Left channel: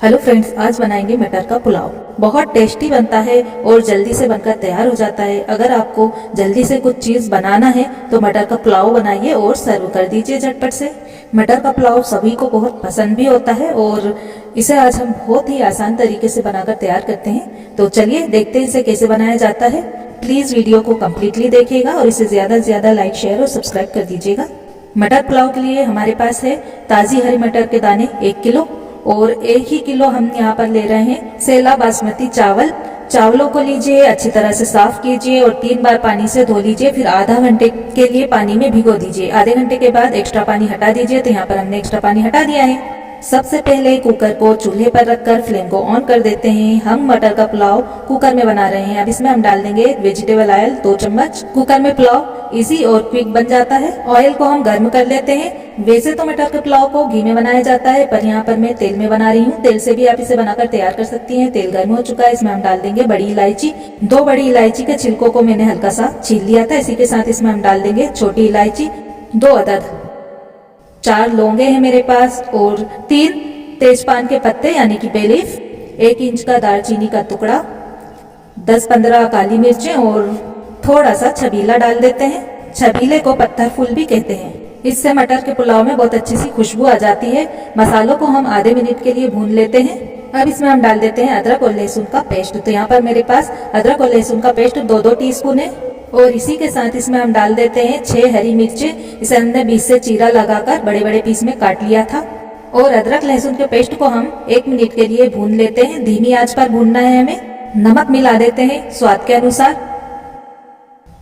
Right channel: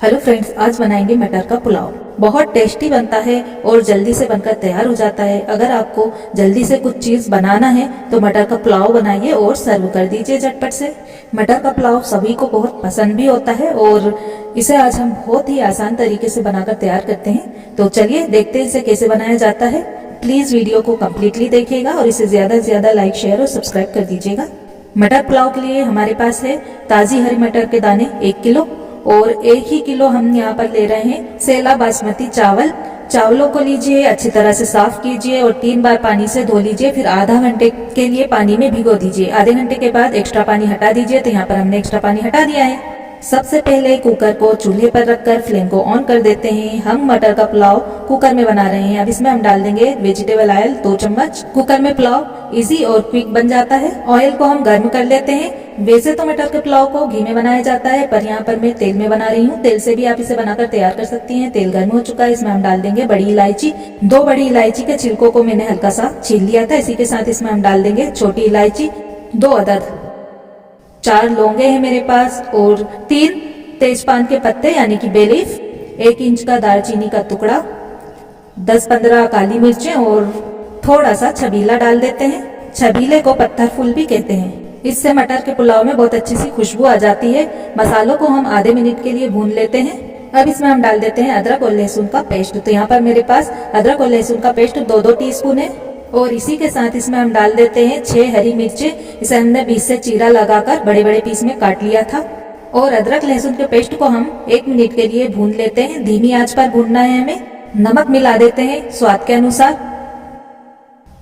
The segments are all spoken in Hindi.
हेलो फ्रेंड्स, आज बनाएंगे मटर का पुलाव। बहुत टेस्टी बनता है और जल्दी से बनकर तैयार हो जाता है। अगर आपको जल्दी से कुछ चीज़ बनाना है तो मटर का पुलाव बनाइए और सर्व कर दीजिए झटपट से। मटर का पुलाव सभी को बहुत पसंद भी होता है और इसे आज हम बहुत ही आसान तरीके से बनाकर तैयार करते हैं। तो चलिए देखते हैं इसे कैसे बनाया जाता है। प्लीज़ वीडियो को कम्प्लीटली देखिएगा और इसे ज़्यादा से ज़्यादा लाइक, शेयर और सब्सक्राइब कर दीजिएगा। मटर पुलाव के लिए हमारे पास है ताज़ी हरी मटर के दाने 1 किलो और 1 ही किलो हम यहाँ पर ले रहे हैं सेला बासमती चावल। चावलों को लीजिए, अच्छी तरह से साफ कीजिए और 3 बार पानी से धो लीजिए। फिर आधा घंटे के लिए पानी में भिगो दीजिए। आधे घंटे के बाद एक्स्ट्रा पानी हटा दीजिए। तो यहाँ पर हमने एक्स्ट्रा पानी हटा दिया है। सबसे पहले कुकर को चूल्हे पर रखकर फ्लेम को ऑन कर देते हैं। हम मटर का पुलाव कुकर में बना रहे हैं। अब इसमें हम डाल देंगे वेजिटेबल ऑयल 2 चम्मच। कुकर में पुलाव इजी और क्विक बन जाता है। ऑयल को हम गर्म कर लेते हैं। वैसे तो मटर के पुलाव को घी में बनाया जाता है, पर यहाँ पर मैं तेल में बना रही हूँ। तेल से भी आप इसे बनाकर तैयार कर सकती हैं। तेल गर्म हो चुका है। इसमें हम डाल देंगे बड़ी इलायची। 2 बड़ी इलायची के छिलकों को मैंने हल्का सा छील लिया था। इसी के साथ इसमें हम डाल देंगे छोटी इलायची 2 अदद, 4 लौंगे हैं मेरे पास और 3 तेजपान के पत्ते यानी कि बे लीफ, 1 इंच का दालचीनी का टुकड़ा, 10-15 काली मिर्चें और थोड़ा सा छबीला डाल देते हैं। छबीले को पत्थर फूल भी कहते हैं। इससे मटर के पुलाव में बहुत अच्छी सी खुशबू आ जाती है। मसालों को हम आधे मिनट के लिए भून लेते हैं। अब इसमें हम डाल देते हैं अदरक और लहसुन का पेस्ट। तो यहाँ पर मेरे पास अदरक और लहसुन का पेस्ट 2-2 टीस्पून है और इसी के साथ इसमें हम डाल देते हैं 6 हरी मिर्चें। इसे हमने बीच से चीरा लगाकर बड़े बड़े पीस में काट लिया था। और अदरक लहसुन के पेस्ट को हम 1 मिनट के लिए भून लेते हैं। धीमी आंच पर भूनना है हमें। नमक मिला देते हैं स्वाद के अनुसार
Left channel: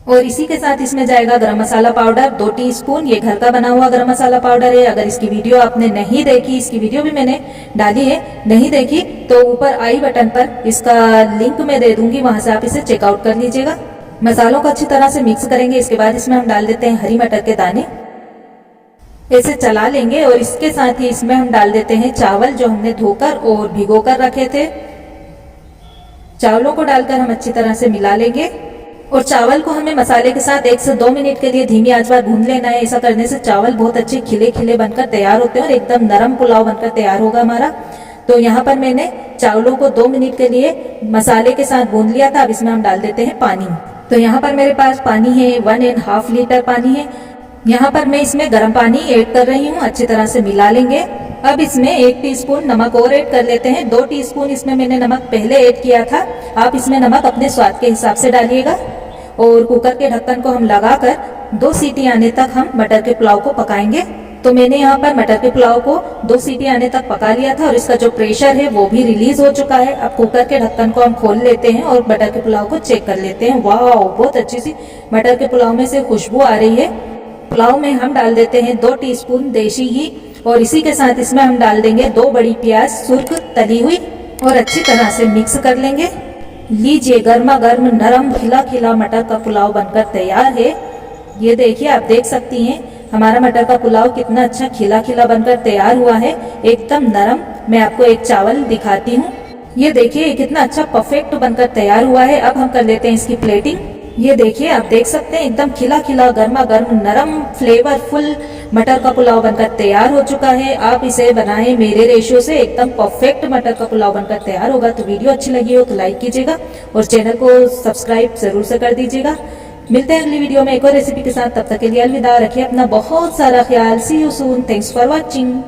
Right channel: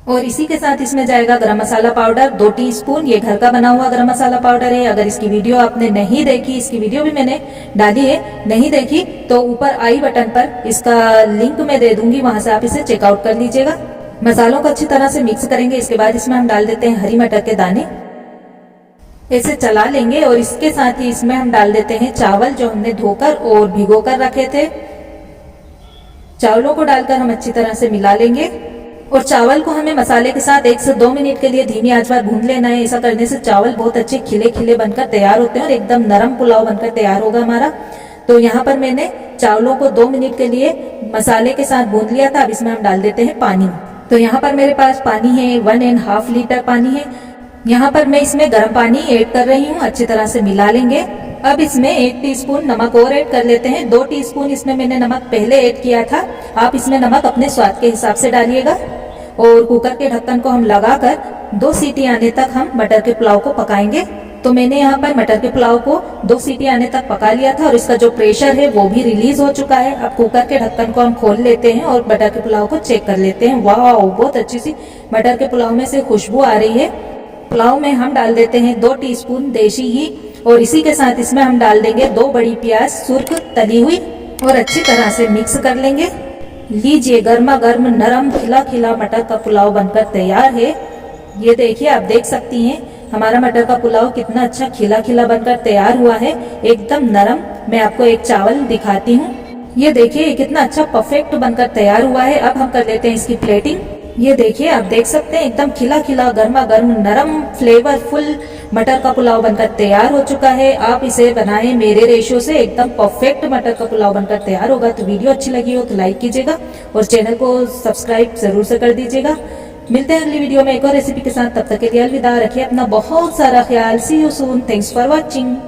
और इसी के साथ इसमें जाएगा गरम मसाला पाउडर 2 टीस्पून। ये घर का बना हुआ गरम मसाला पाउडर है। अगर इसकी वीडियो आपने नहीं देखी, इसकी वीडियो भी मैंने डाली है, नहीं देखी तो ऊपर आई बटन पर इसका लिंक मैं दे दूंगी, वहां से आप इसे चेकआउट कर लीजिएगा। मसालों को अच्छी तरह से मिक्स करेंगे। इसके बाद इसमें हम डाल देते हैं हरी मटर के दाने। इसे चला लेंगे और इसके साथ ही इसमें हम डाल देते हैं चावल जो हमने धोकर और भिगोकर रखे थे। चावलों को डालकर हम अच्छी तरह से मिला लेंगे और चावल को हमें मसाले के साथ 1 से 2 मिनट के लिए धीमी आंच पर भून लेना है। ऐसा करने से चावल बहुत अच्छे खिले खिले बनकर तैयार होते हैं और एकदम नरम पुलाव बनकर तैयार होगा हमारा। तो यहाँ पर मैंने चावलों को 2 मिनट के लिए मसाले के साथ भून लिया था। अब इसमें हम डाल देते हैं पानी। तो यहाँ पर मेरे पास पानी है 1.5 लीटर पानी है। यहाँ पर मैं इसमें गर्म पानी ऐड कर रही हूँ। अच्छी तरह से मिला लेंगे। अब इसमें 1 टीस्पून नमक और ऐड कर लेते हैं। 2 टीस्पून इसमें मैंने नमक पहले ऐड किया था। आप इसमें नमक अपने स्वाद के हिसाब से डालिएगा और कुकर के ढक्कन को हम लगाकर 2 सीटी आने तक हम मटर के पुलाव को पकाएंगे। तो मैंने यहाँ पर मटर के पुलाव को 2 सीटी आने तक पका लिया था और इसका जो प्रेशर है वो भी रिलीज हो चुका है। अब कुकर के ढक्कन को हम खोल लेते हैं और मटर के पुलाव को चेक कर लेते हैं। वाह, बहुत अच्छी सी मटर के पुलाव में से खुशबू आ रही है। पुलाव में हम डाल देते हैं 2 टीस्पून देशी घी और इसी के साथ इसमें हम डाल देंगे 2 बड़ी प्याज सुर्ख तली हुई और अच्छी तरह से मिक्स कर लेंगे। लीजिए, गर्मा गर्म नरम खिला खिला मटर का पुलाव बनकर तैयार है। ये देखिए, आप देख सकती हैं हमारा मटर का पुलाव कितना अच्छा खिला खिला बनकर तैयार हुआ है, एकदम नरम। मैं आपको एक चावल दिखाती हूँ। ये देखिए कितना अच्छा परफेक्ट बनकर तैयार हुआ है। अब हम कर लेते हैं इसकी प्लेटिंग। ये देखिए, आप देख सकते हैं एकदम खिला खिला गर्मा गर्म नरम फ्लेवरफुल मटर का पुलाव बनकर तैयार हो चुका है। आप इसे बनाएं मेरे रेशियो से, एकदम परफेक्ट मटर का पुलाव बनकर तैयार होगा। तो वीडियो अच्छी लगी हो तो लाइक कीजिएगा और चैनल को सब्सक्राइब जरूर से कर दीजिएगा। मिलते हैं अगली वीडियो में एक और रेसिपी के साथ। तब तक के लिए अलविदा। रखिए अपना बहुत सारा ख्याल। See you soon. Thanks for watching.